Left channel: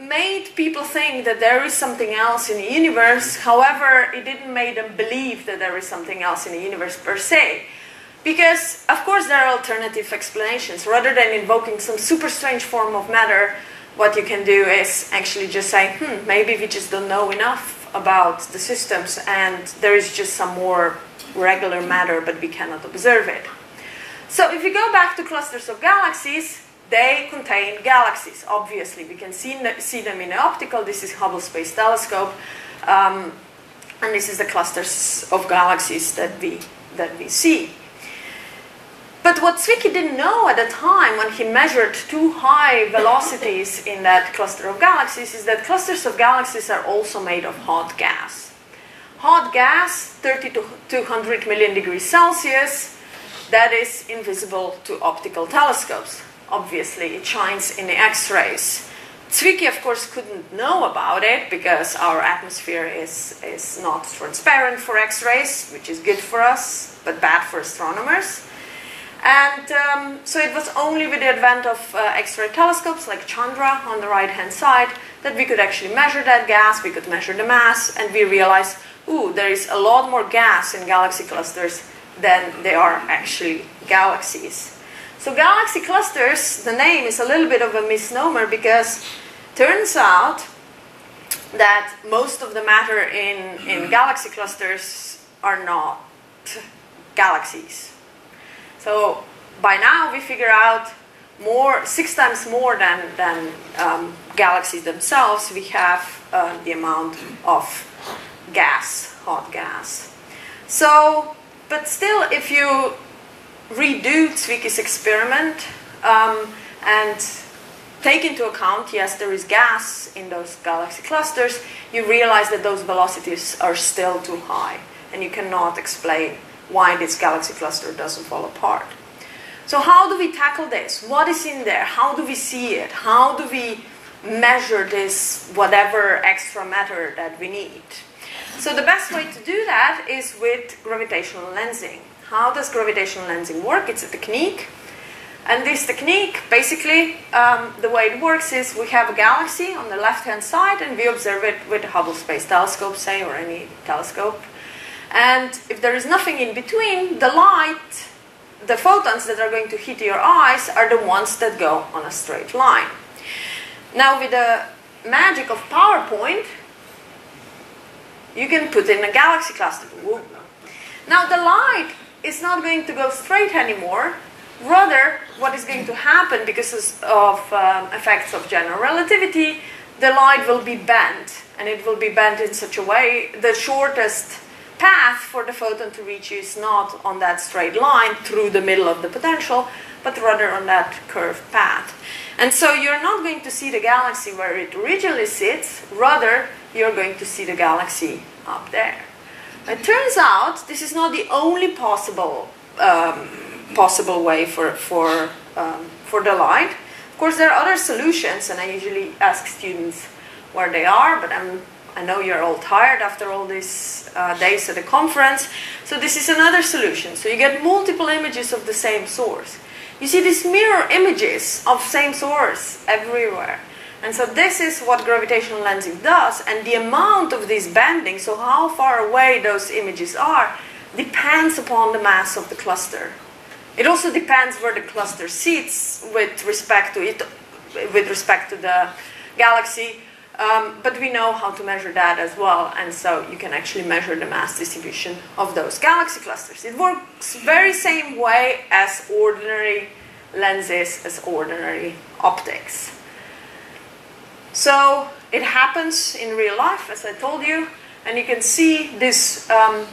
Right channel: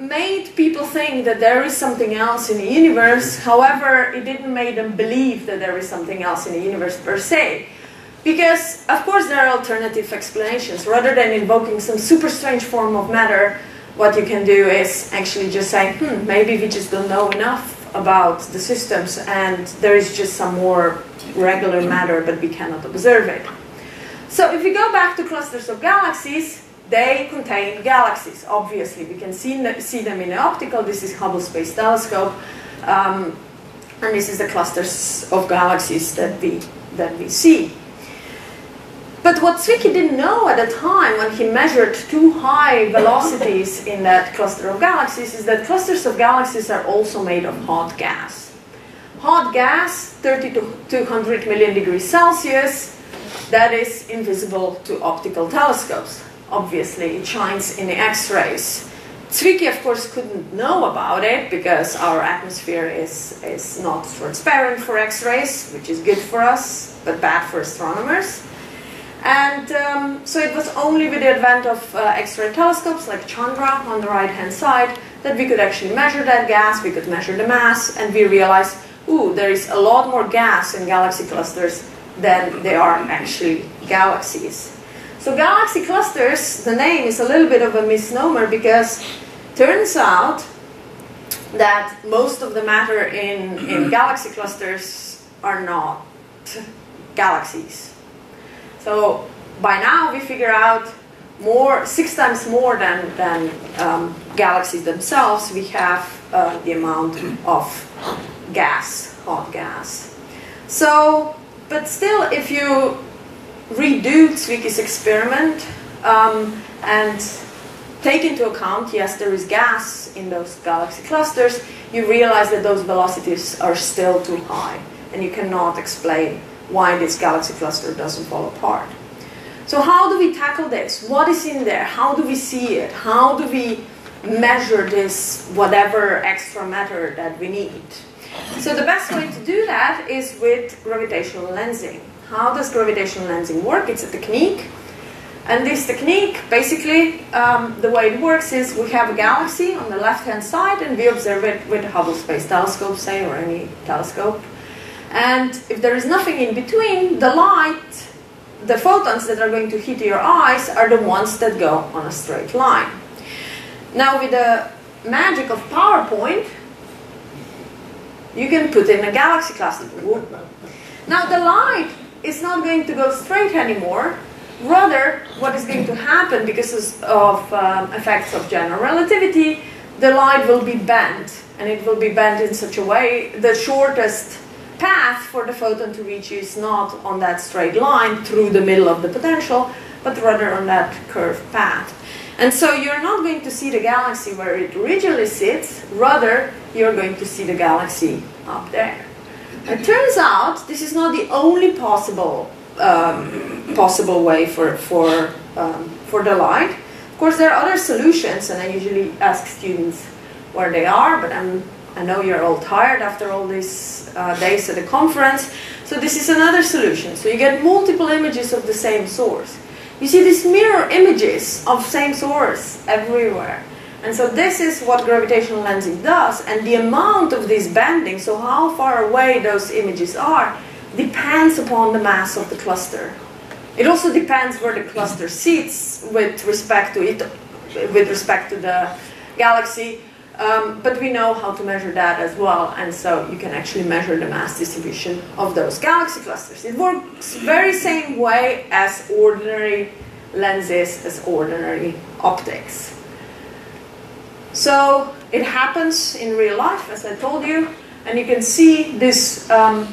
made people think that there is something else in the universe. However, it didn't make them believe that there is something else in the universe per se. Because, of course, there are alternative explanations. Rather than invoking some super strange form of matter, what you can do is actually just say, maybe we just don't know enough about the systems and there is just some more regular matter, but we cannot observe it. So if you go back to clusters of galaxies, they contain galaxies, obviously. We can see them in the optical. This is Hubble Space Telescope. And this is the clusters of galaxies that we see. But what Zwicky didn't know at the time when he measured two high velocities in that cluster of galaxies is that clusters of galaxies are also made of hot gas. Hot gas, 30 to 200 million degrees Celsius, that is invisible to optical telescopes. Obviously, it shines in the X-rays. Zwicky, of course, couldn't know about it because our atmosphere is not transparent for X-rays, which is good for us, but bad for astronomers. And so it was only with the advent of X-ray telescopes like Chandra on the right-hand side that we could actually measure that gas, we could measure the mass, and we realized, ooh, there is a lot more gas in galaxy clusters than there are actually galaxies. So galaxy clusters, the name is a little bit of a misnomer because turns out that most of the matter in galaxy clusters are not galaxies. So by now we figure out 6 times more than galaxies themselves, we have the amount of gas, hot gas. So, but still, if you redo Zwicky's experiment and take into account, yes, there is gas in those galaxy clusters, you realize that those velocities are still too high, and you cannot explain why this galaxy cluster doesn't fall apart. So how do we tackle this? What is in there? How do we see it? How do we measure this whatever extra matter that we need? So the best way to do that is with gravitational lensing. How does gravitational lensing work? It's a technique. And this technique, basically, the way it works is we have a galaxy on the left-hand side and we observe it with a Hubble Space Telescope, say, or any telescope. And if there is nothing in between, the light, the photons that are going to hit your eyes are the ones that go on a straight line. Now with the magic of PowerPoint, you can put in a galaxy cluster. Now the light is not going to go straight anymore. Rather, what is going to happen because of effects of general relativity, the light will be bent. And it will be bent in such a way, the shortest path for the photon to reach you is not on that straight line through the middle of the potential, but rather on that curved path. And so you're not going to see the galaxy where it originally sits, rather you're going to see the galaxy up there. It turns out this is not the only possible way for the light. Of course, there are other solutions, and I usually ask students where they are, but I know you're all tired after all these days at the conference. So this is another solution. So you get multiple images of the same source. You see these mirror images of same source everywhere. And so this is what gravitational lensing does. And the amount of this bending, so how far away those images are, depends upon the mass of the cluster. It also depends where the cluster sits with respect to it, with respect to the galaxy. But we know how to measure that as well, and so you can actually measure the mass distribution of those galaxy clusters. It works very same way as ordinary lenses, as ordinary optics. So it happens in real life, as I told you, and you can see this on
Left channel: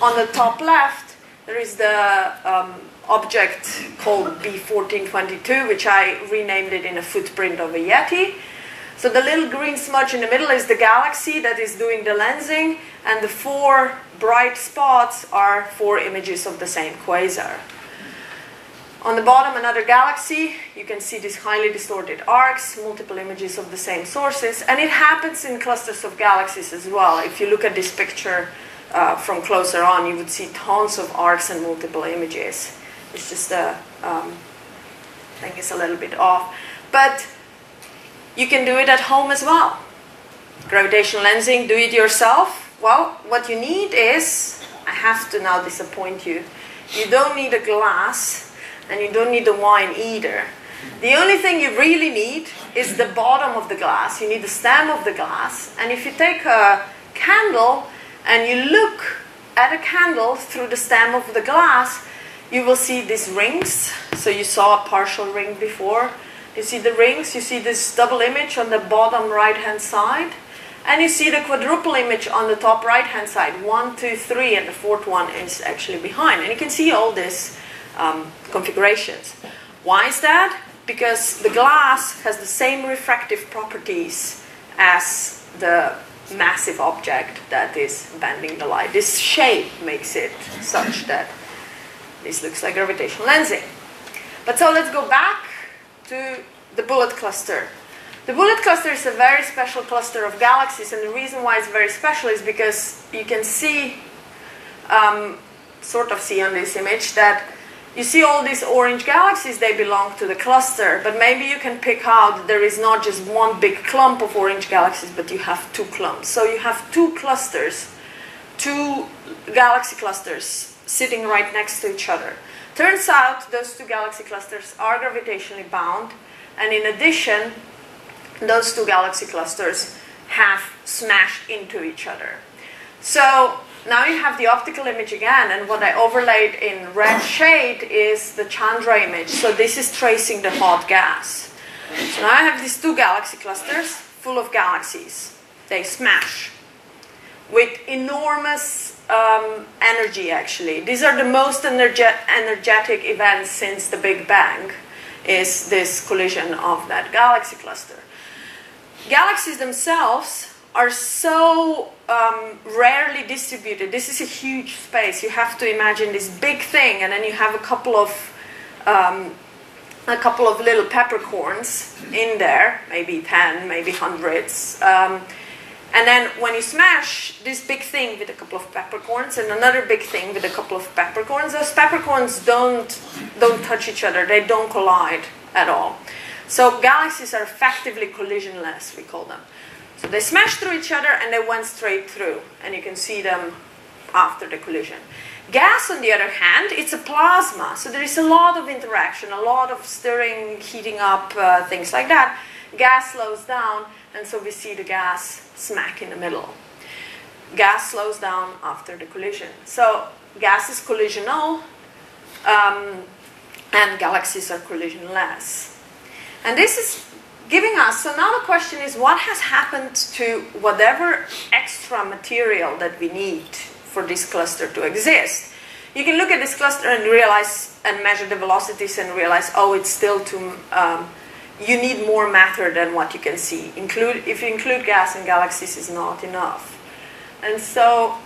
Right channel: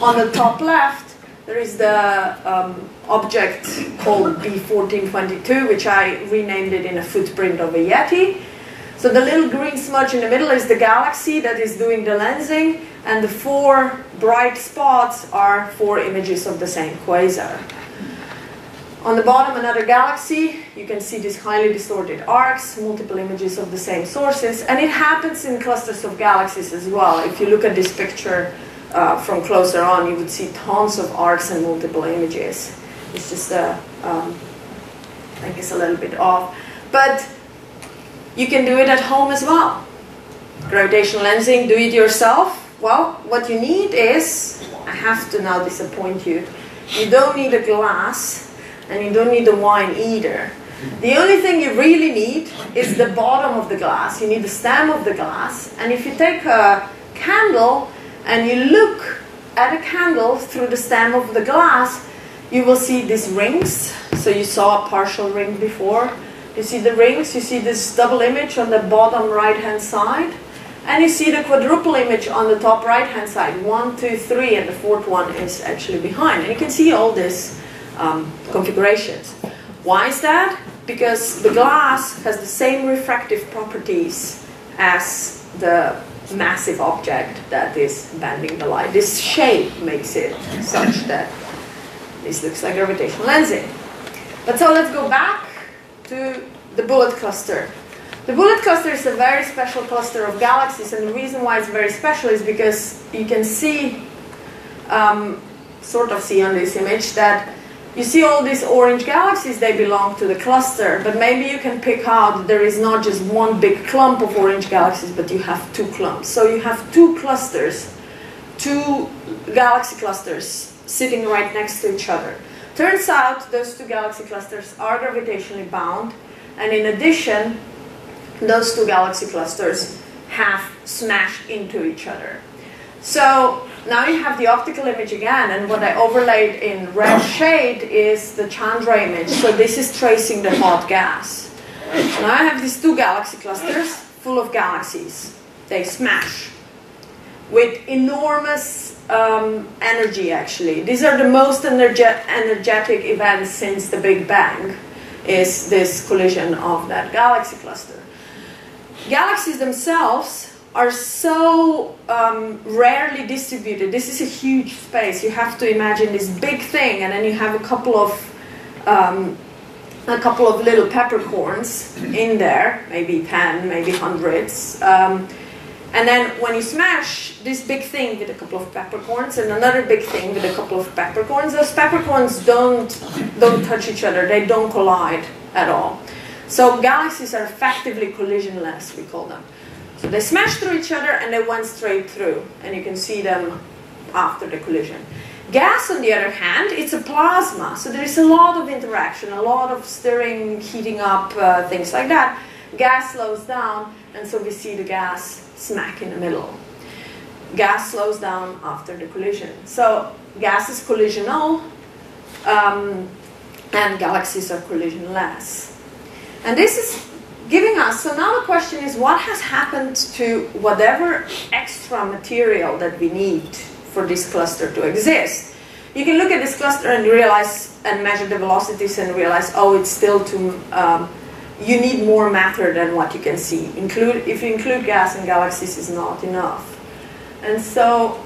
the top left. There is the object called B1422, which I renamed it in a footprint of a Yeti. So the little green smudge in the middle is the galaxy that is doing the lensing, and the 4 bright spots are 4 images of the same quasar. On the bottom, another galaxy. You can see these highly distorted arcs, multiple images of the same sources, and it happens in clusters of galaxies as well. If you look at this picture from closer on, you would see tons of arcs and multiple images. It's just, I think it's a little bit off. But You can do it at home as well. Gravitational lensing, do it yourself. Well, what you need is, I have to now disappoint you, you don't need a glass and you don't need the wine either. The only thing you really need is the bottom of the glass. You need the stem of the glass. And if you take a candle and you look at a candle through the stem of the glass, you will see these rings. So you saw a partial ring before. You see the rings, you see this double image on the bottom right-hand side. And you see the quadruple image on the top right-hand side. 1, 2, 3, and the fourth one is actually behind. And you can see all these configurations. Why is that? Because the glass has the same refractive properties as the massive object that is bending the light. This shape makes it such that this looks like gravitational lensing. But so let's go back to the bullet cluster. The bullet cluster is a very special cluster of galaxies, and the reason why it's very special is because you can see, sort of see on this image, that you see all these orange galaxies, they belong to the cluster, but maybe you can pick out there is not just one big clump of orange galaxies, but you have two clumps. So you have two clusters, two galaxy clusters sitting right next to each other. Turns out those two galaxy clusters are gravitationally bound, and in addition, those two galaxy clusters have smashed into each other. So now you have the optical image again, and what I overlaid in red shade is the Chandra image. So this is tracing the hot gas. So now I have these two galaxy clusters full of galaxies. They smash with enormous energy, actually. These are the most energetic events since the Big Bang, is this collision of that galaxy cluster. Galaxies themselves are so rarely distributed. This is a huge space. You have to imagine this big thing, and then you have a couple of little peppercorns in there, maybe 10, maybe hundreds. And then when you smash this big thing with a couple of peppercorns and another big thing with a couple of peppercorns, those peppercorns don't touch each other. They don't collide at all. So galaxies are effectively collisionless, we call them. So they smashed through each other and they went straight through, and you can see them after the collision. Gas, on the other hand, it's a plasma, so there is a lot of interaction, a lot of stirring, heating up, things like that. Gas slows down, and so we see the gas smack in the middle. Gas slows down after the collision. So gas is collisional, and galaxies are collisionless. And this is giving us, so now the question is, what has happened to whatever extra material that we need for this cluster to exist? You can look at this cluster and realize, and measure the velocities and realize, oh, it's still too, you need more matter than what you can see. If you include gas and galaxies, is not enough. And so,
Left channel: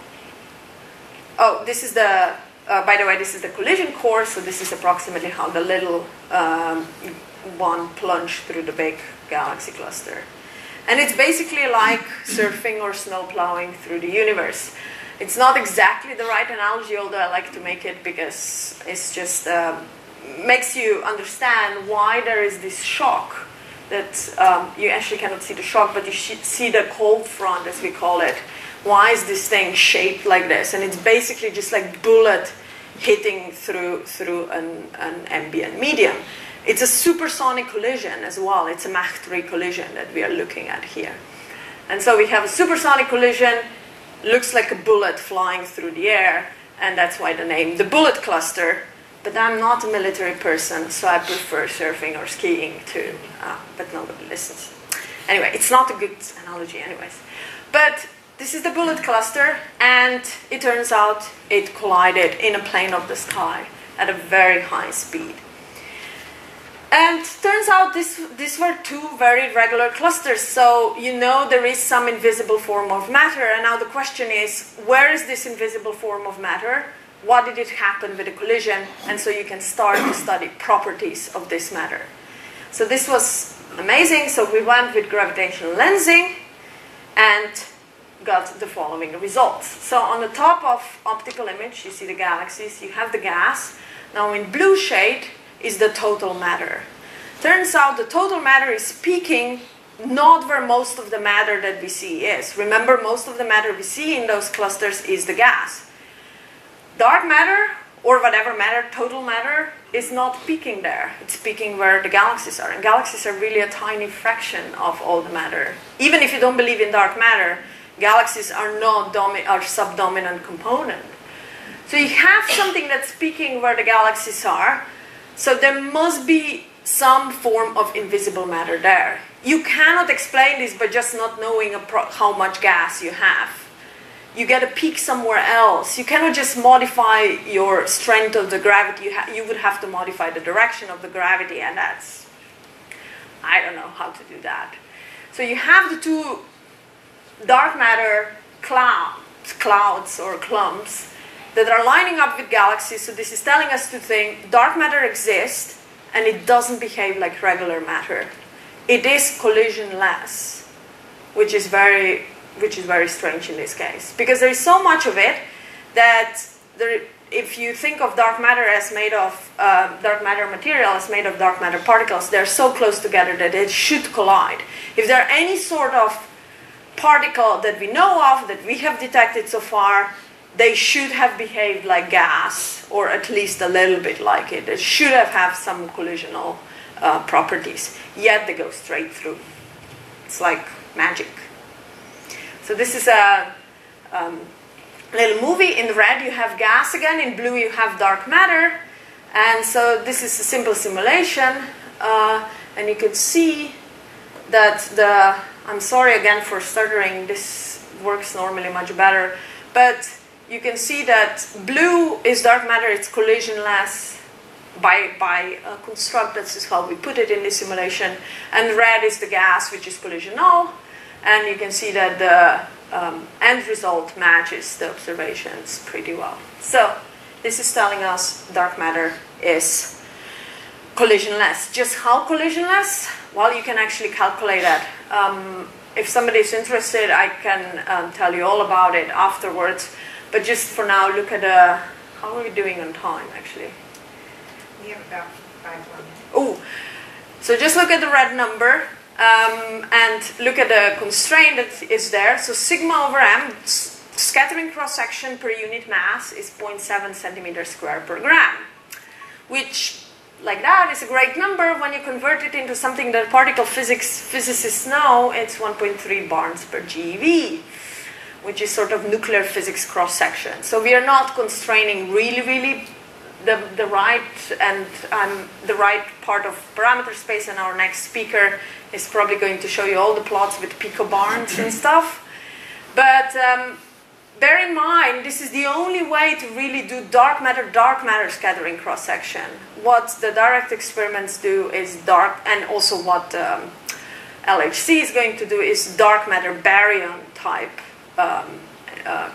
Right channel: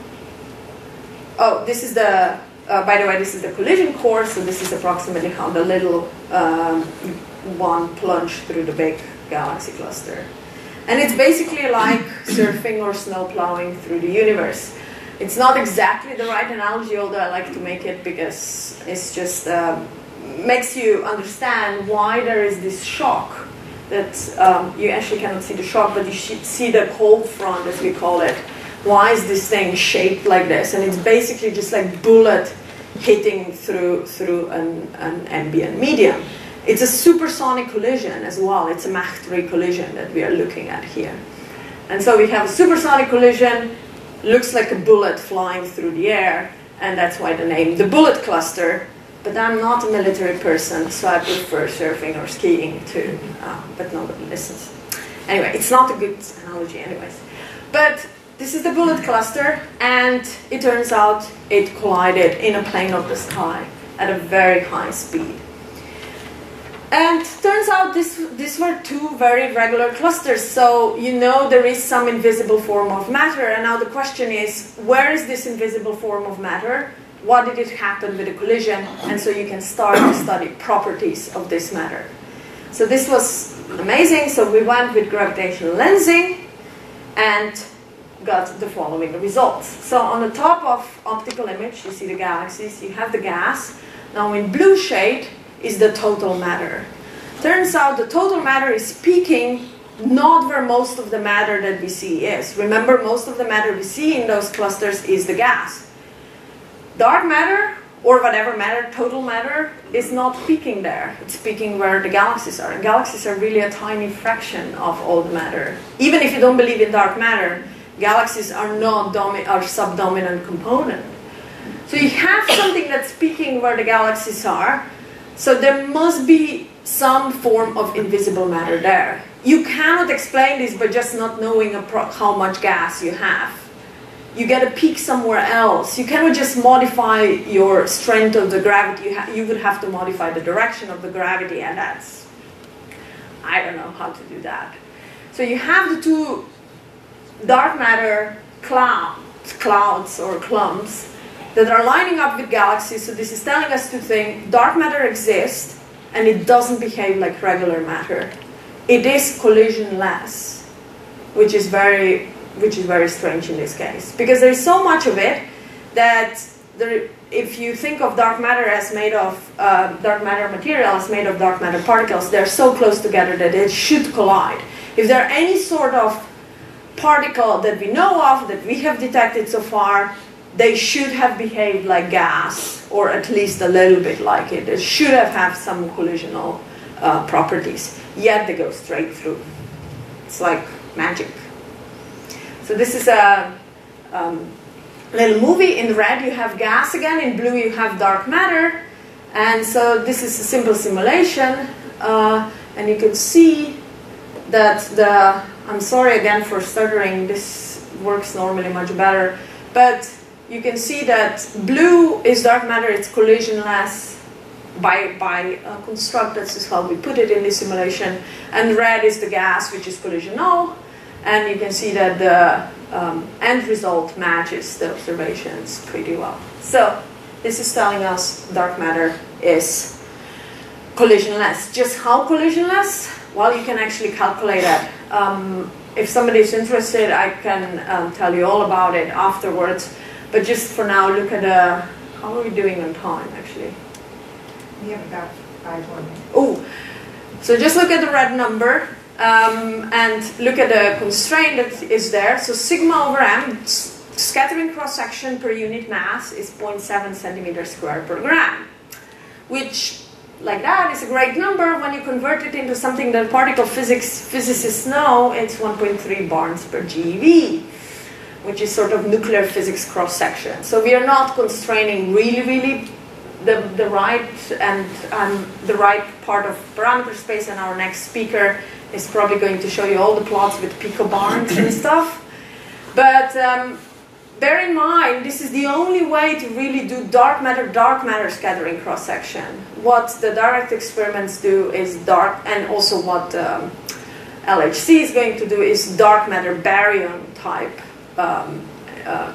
oh, this is the, by the way, this is the collision course, so this is approximately how the little one plunged through the big galaxy cluster. And it's basically like surfing or snow plowing through the universe. It's not exactly the right analogy, although I like to make it because it's just makes you understand why there is this shock that you actually cannot see the shock, but you see the cold front, as we call it. Why is this thing shaped like this? And it's basically just like bullet hitting through an ambient medium. It's a supersonic collision as well. It's a Mach 3 collision that we are looking at here. And so we have a supersonic collision, looks like a bullet flying through the air, and that's why the name, the bullet cluster. But I'm not a military person, so I prefer surfing or skiing too. But nobody listens. Anyway, it's not a good analogy anyways. But this is the bullet cluster, and it turns out it collided in a plane of the sky at a very high speed. And turns out these were two very regular clusters, so you know there is some invisible form of matter, and now the question is, where is this invisible form of matter? What did it happen with the collision? And so you can start to study properties of this matter. So this was amazing, so we went with gravitational lensing and got the following results. So on the top of optical image, you see the galaxies, you have the gas. Now in blue shade is the total matter. Turns out the total matter is peaking not where most of the matter that we see is. Remember, most of the matter we see in those clusters is the gas. Dark matter, or whatever matter, total matter, is not peaking there. It's peaking where the galaxies are. And galaxies are really a tiny fraction of all the matter. Even if you don't believe in dark matter, galaxies are not subdominant component. So you have something that's peaking where the galaxies are. So there must be some form of invisible matter there. You cannot explain this by just not knowing how much gas you have. You get a peak somewhere else. You cannot just modify your strength of the gravity. You would have to modify the direction of the gravity, and that's, I don't know how to do that. So you have the two dark matter clouds or clumps that are lining up with galaxies. So this is telling us to think dark matter exists, and it doesn't behave like regular matter. It is collisionless, which is very strange in this case, because there is so much of it that if you think of dark matter as made of dark matter material as made of dark matter particles, they're so close together that it should collide. If there are any sort of particle that we know of, that we have detected so far, they should have behaved like gas, or at least a little bit like it. It should have had some collisional properties, yet they go straight through. It's like magic. So this is a little movie. In red you have gas again, in blue you have dark matter. And so this is a simple simulation. And you can see that I'm sorry again for stuttering, this works normally much better. But you can see that blue is dark matter, it's collisionless by construct, that's how we put it in this simulation. And red is the gas, which is collisional. And you can see that the end result matches the observations pretty well. So this is telling us dark matter is collisionless. Just how collisionless? Well, you can actually calculate that. If somebody is interested, I can tell you all about it afterwards. But just for now, look at how are we doing on time, actually? We have about 5 more minutes. Oh, so just look at the red number. And look at the constraint that is there. So sigma over m, scattering cross-section per unit mass, is 0.7 centimeters squared per gram, which, like that, is a great number. When you convert it into something that particle physicists know, it's 1.3 barns per GeV, which is sort of nuclear physics cross-section. So we are not constraining really the right part of parameter space, and our next speaker is probably going to show you all the plots with picobarns and stuff. But bear in mind, this is the only way to really do dark matter scattering cross-section. What the direct experiments do is and also what LHC is going to do is dark matter baryon type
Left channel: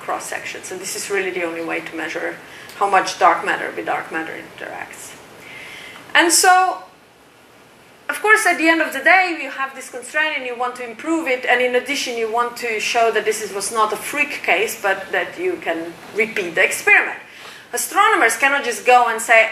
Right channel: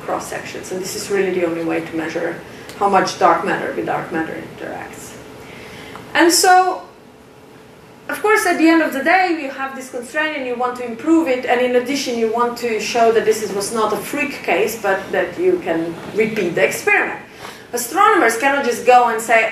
cross-section. So this is really the only way to measure how much dark matter with dark matter interacts. And so, of course, at the end of the day, you have this constraint and you want to improve it, and in addition, you want to show that this was not a freak case, but that you can repeat the experiment. Astronomers cannot just go and say,